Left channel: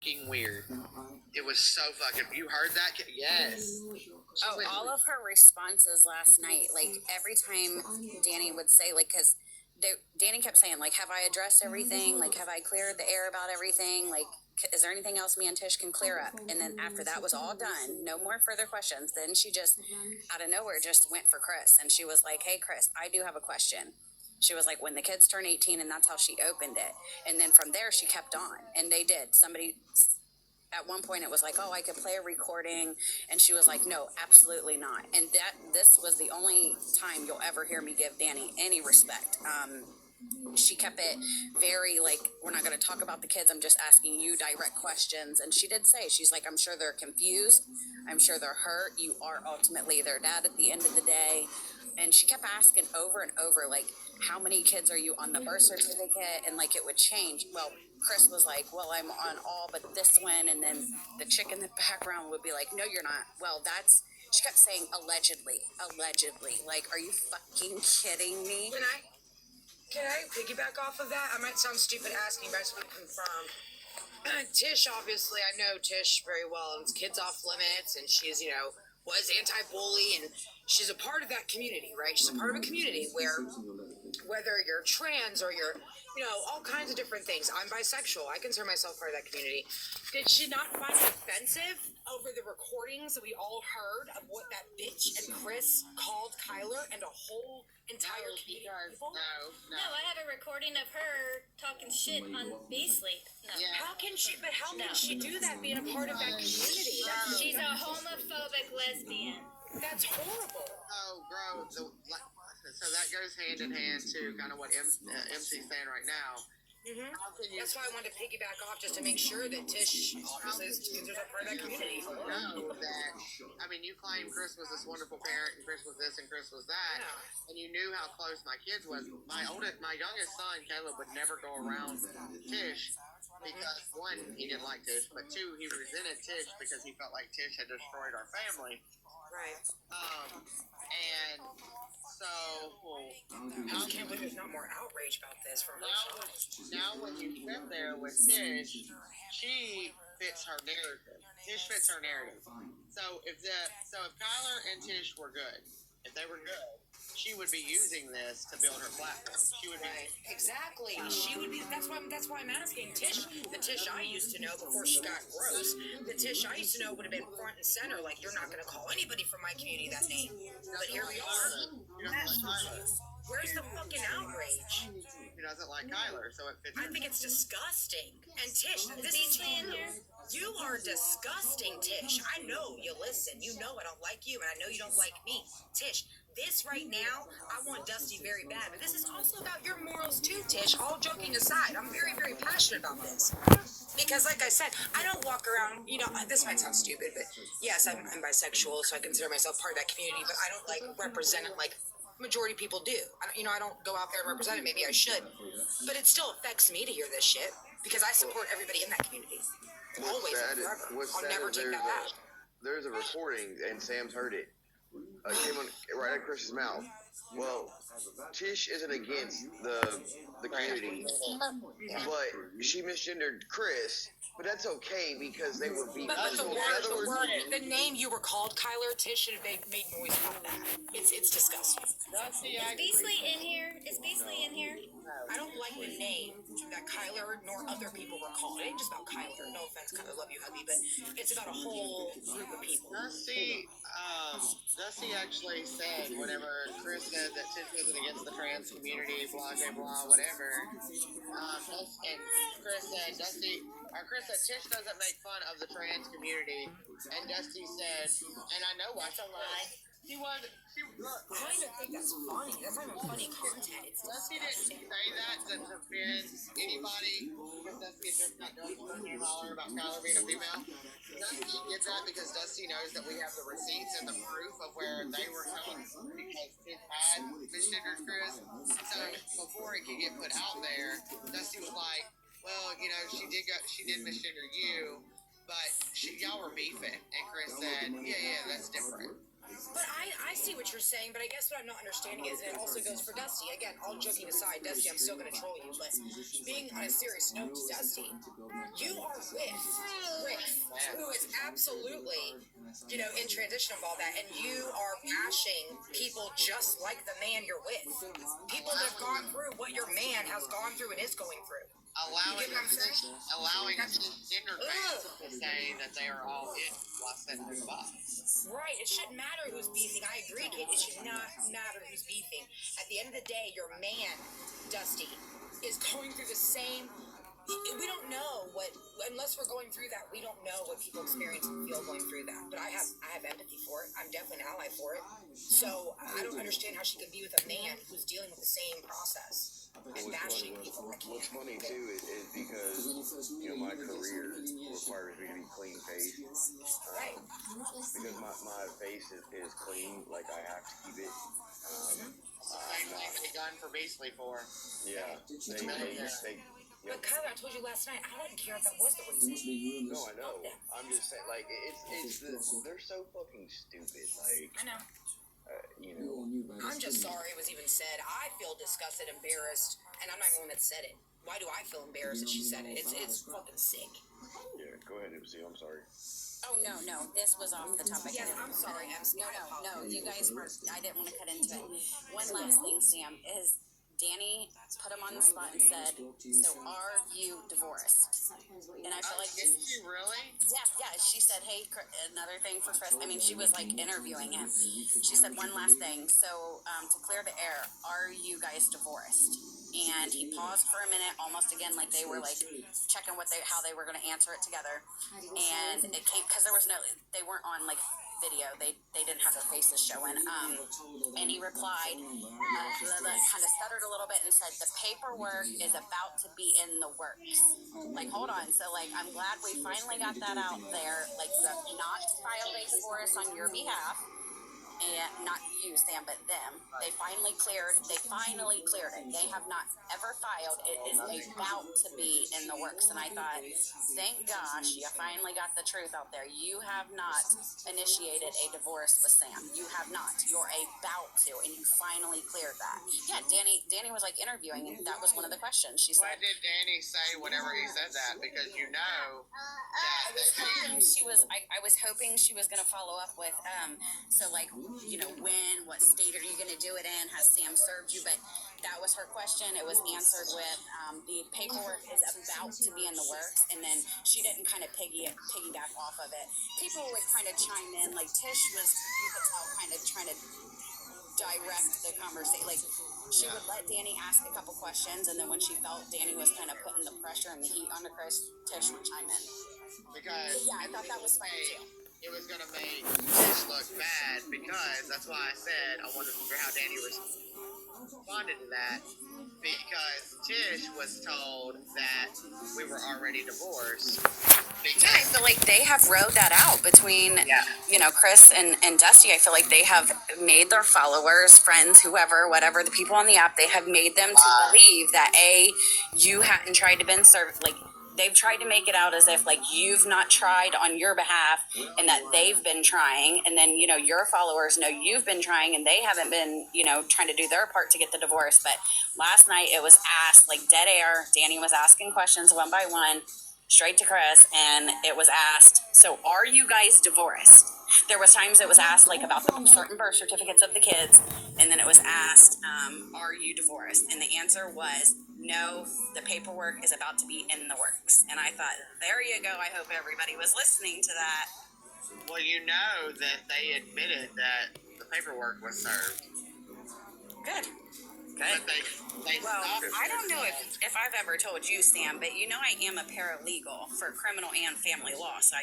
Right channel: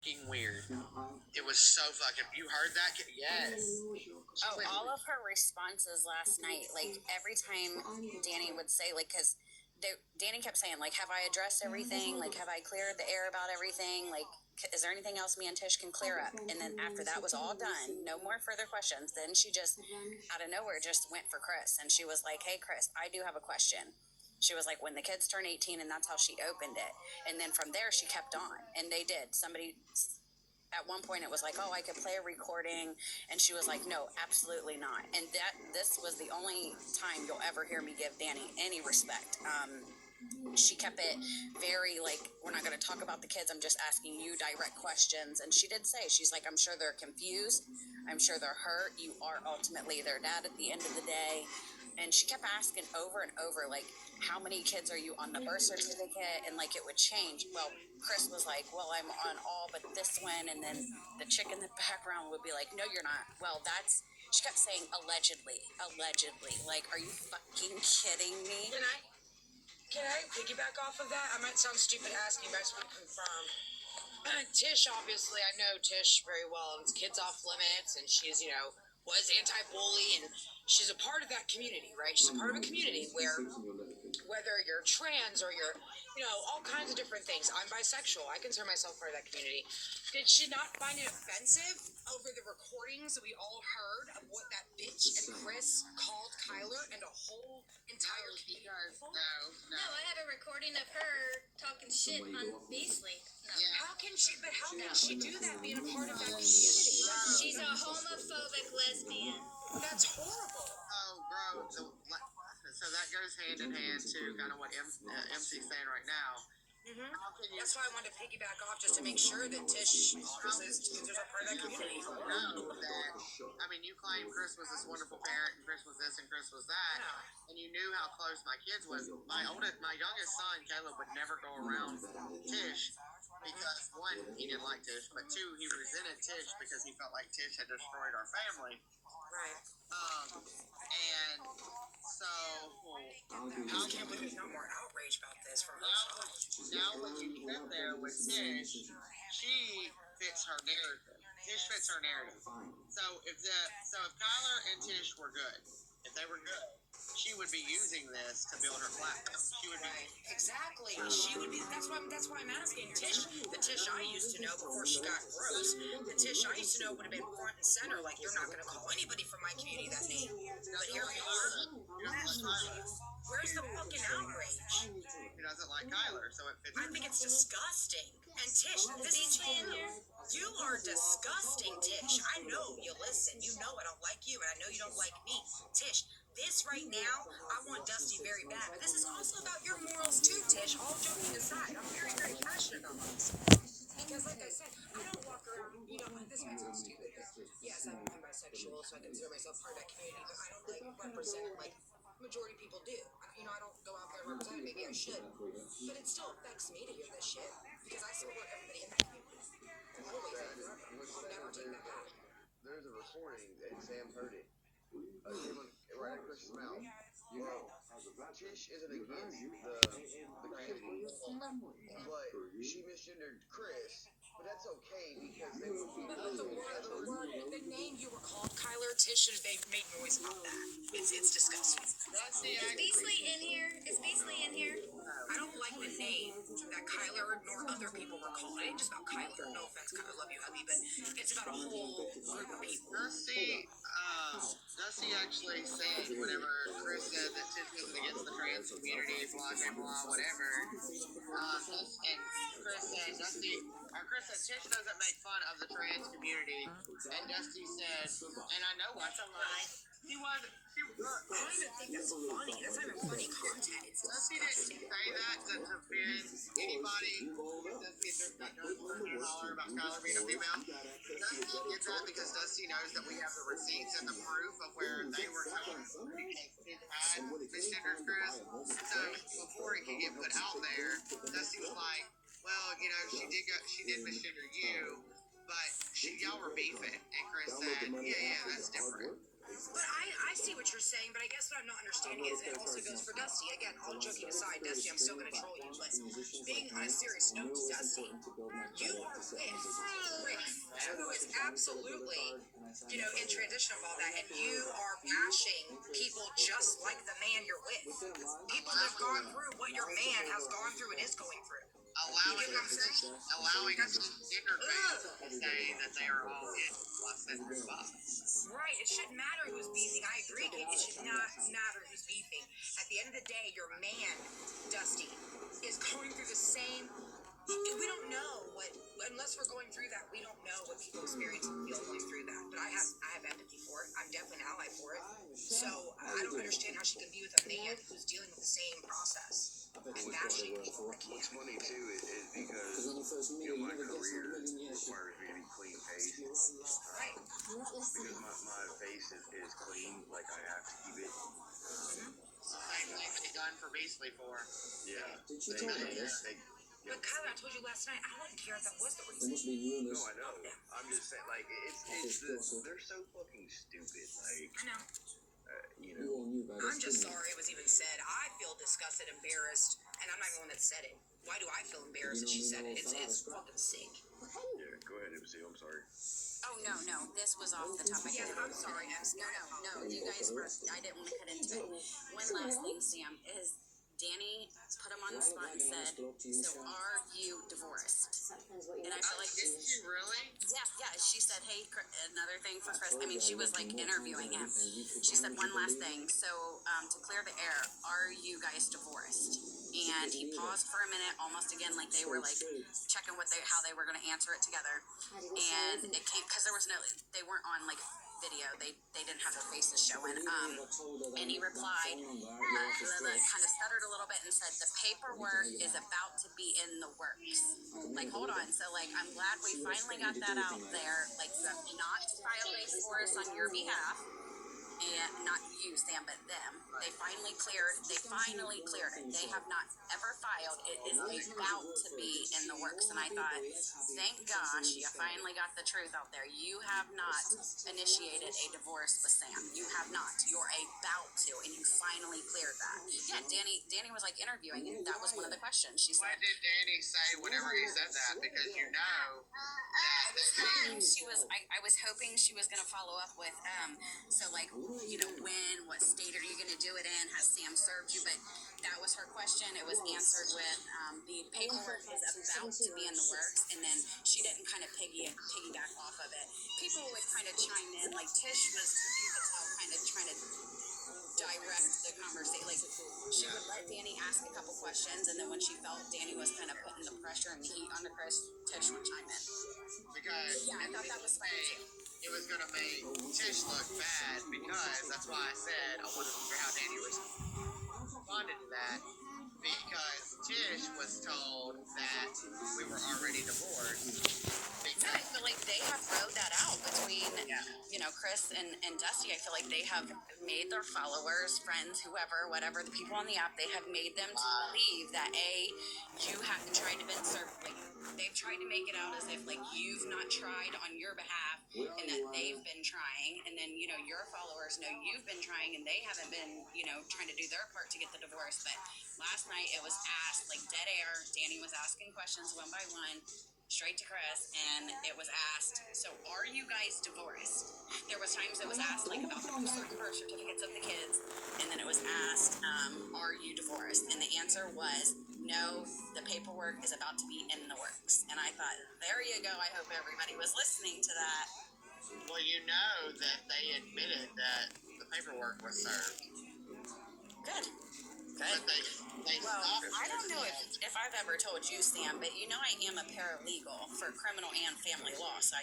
fucking weird. It was so fucking. You heard that? Yes. Oh, all of her responses last night, like every time Danny would say, like, because Danny kept saying, like, have I addressed everything? Like, have I cleared the air about everything? Like, is there anything else me and Tish can clear up? And then after that was all done, no more further questions. Then she just, out of nowhere, just went for Chris. And she was like, hey, Chris, I do have a question. She was like, when the kids turn 18, and that's how she opened it. And then from there, she kept on. And they did. Somebody, at one point, it was like, oh, I could play a recording. And she was like, no, absolutely not. And this was the only time you'll ever hear me give Danny any respect. She kept it very like, we're not going to talk about the kids. I'm just asking you direct questions. And she did say, she's like, I'm sure they're confused. I'm sure they're hurt. You are ultimately their dad at the end of the day. And she kept asking over and over, like, how many kids are you on the birth certificate? And like, it would change. Well, Chris was like, well, I'm on all but this one. And then the chick in the background would be like, no, you're not. Well, she kept saying allegedly. Like, are you fucking kidding me? Can I piggyback off of that? I might sound stupid asking, but I just want to confirm. Tish, obviously, I know Tish very well, and it's Kids Off Limits, and she's, was anti-bully, and she's a part of that community, right? She's a part of a community where, whether you're trans or you're, all kinds of different things. I'm bisexual. I consider myself part of that community. Did she not find it offensive over the recordings that we all heard of what that bitch and Chris called Kyler and a whole entire community? No, I have a recording of her talking shit on Beasley. No. Yeah. How can she do that being a part of that community? She's a homophobic lesbian. That's horrible. Oh, bro. So that goes hand in hand to kind of what MC's saying right now. Mm-hmm. That's why I wanted to piggyback off, just to make sure that Tish obviously is a part of that community. Know that, you claim Chris was this wonderful parent, and Chris was this, and Chris was that, and you knew how close my kids was. My youngest son, Caleb, would never go around Tish because, one, he didn't like Tish, but two, he resented Tish because he felt like Tish had destroyed our family. Right. And so, I can't believe there's not more outrage about this from her side. Now when you sit there with Tish, she fits her narrative. Tish fits her narrative. So if Kyler and Tish were good, if they were good, she would be using this to build her platform. She would be exactly. She would be. That's why I'm asking Tish. The Tish I used to know before she got gross. The Tish I used to know would have been front and center. Like, you're not going to call anybody from my community that name. But here we are. Where's the fucking outrage? He doesn't like Kyler, so it fits. I think it's disgusting. And Tish, you are disgusting, Tish. I know you listen. You know I don't like you, and I know you don't like me. Tish, this right now, I want Dusty very bad, but this is also about your morals too, Tish. All joking aside, I'm very, very passionate about this. Because, like I said, I don't walk around, this might sound stupid, but yes, I'm bisexual, so I consider myself part of that community, but I don't, represent it like majority people do. I don't go out there and represent it. Maybe I should. But it still affects me to hear this shit, because I support everybody in that community. Always and forever. I'll never take that back. There's a recording, and Sam's heard it. Came on right at Chris's mouth. Well, Tish isn't against the community, but she misgendered Chris. But that's okay because they would be. But the the name you were called, Kyler, Tish should have made noise about that. It's disgusting. Is Beasley in here? I don't like the name that Kyler nor other people were called. It ain't just about Kyler. No offense, Kyler, love you, hubby, but it's about a whole group of people. Dusty actually said whenever Chris said that Tish wasn't against the trans community, blah, blah, blah, whatever, and Chris said, Chris said Tish doesn't make fun of the trans community, and Dusty said, and I know what's a lie. I don't even think that's funny. That's not even funny content. Dusty didn't say that to offend anybody. Dusty is not doing holler about Kyler being a female. Dusty did that because Dusty knows that we have the receipts and the proof of where they were coming from because his had misgendered Chris. So before it could get put out there, Dusty was like, well, she did misgender you, but y'all were beefing. And Chris said, yeah, that's different. But I see what you're saying, but I guess what I'm not understanding is it also goes for Dusty. Again, all joking aside, Dusty, I'm still going to troll you, but being on a serious note, Dusty, you are with absolutely, in transition of all that, and you are bashing people just like the man you're with. People that have gone through what your man has gone through and is going through. Allowing You get what I'm saying? allowing gender things to say that they are all in plus and the box. Right, it shouldn't matter who's beefing. I agree, Kate. It should not matter who's beefing. At the end of the day, your man, Dusty, is going through the same. We don't know what, unless we're going through that, we don't know what people experience and feel going through that. But I have empathy for it. I'm definitely an ally for it. So I don't understand how she can be with a man who's dealing with the same process and bashing people. What's funny too is because my career requires me to be clean faced. Right. Because my face is clean, like I have to keep it. Same thing with the gun for Beasley for. Yeah. But Kyle, I told you last night, I didn't care if that was the reason. No, I know. I'm just saying, like, they're so fucking stupid. Like, I know. I'm just sorry it was even said. I feel disgusted, embarrassed, and I'm not the one that said it. Why do I feel embarrassed that she said it? It's fucking sick. Yeah, go ahead, MC. I'm sorry. Oh, no, this was off the topic. Yes, I'm sorry, MC. No, you guys were, I didn't want to cut into it. One last thing, Sam, is Danny put him on the spot and said, so are you divorced? And I feel like Did you really? yeah, she said, hey, another thing for Chris. I mean, she was like interviewing him. She said, one last thing. So, to clear the air, are you guys divorced? And he paused for a minute, almost again, like they were like checking how they were going to answer it together. And it came, cause they weren't on like video. They didn't have their faces showing. And he replied, kind of stuttered a little bit and said, the paperwork is about to be in the works. Like, hold on. So, like, I'm glad we finally got that out there. Like, you have not filed a divorce on your behalf. And not you, Sam, but them. They finally cleared it. They have not ever filed. It is about to be in the works. And I thought, thank gosh, you finally got the truth out there. You have not initiated a divorce with Sam. You have not. You're about to, and you finally cleared that. Yeah, Danny was like interviewing, and that was one of the questions. She said, What did Danny say whenever he said that? Because you know that I was hoping she was going to follow up with, so like, when, what state are you going to do it in? Has Sam served you? But that was her question. It was answered with, the paperwork is about to be in the works. And then she didn't kind of piggyback off of it. People would kind of chime in, like Tish was, you could tell, kind of trying to direct the conversation. Like, she would let Danny ask a couple questions, and then when she felt Danny was kind of putting the pressure and the heat onto Chris, Tish would chime in. because Yeah, I thought that was funny too. it was gonna make Tish look bad, because that's why I said I wanted to figure out how Danny responded to that, because Tish was told that we were already divorced. Yeah, I feel like they have rode that out between, Chris and Dusty. I feel like they have made their followers, friends, whatever, the people on the app, they have made them to believe that, you hadn't tried to been served, like, they've tried to make it out as if, like, you've not tried on your behalf and that they've been trying. And then, your followers know you've been trying and they haven't been, trying to do their part to get the divorce. But last night it was asked, like, dead air. Danny was asking questions one by one, straight to Chris. And it was asked, so are you guys divorced? There was times it was asked, like, about the certain birth certificates of the kids. And then it was asked, are you divorced? And the answer was, no, the paperwork is about to be in the works. And I thought, there you go. I hope everybody was listening to that. Well, you know that they admitted that the paperwork was served. Good. But they Well, stopped it. I don't know if I've ever told you, Sam, but I am a paralegal for criminal and family law, so I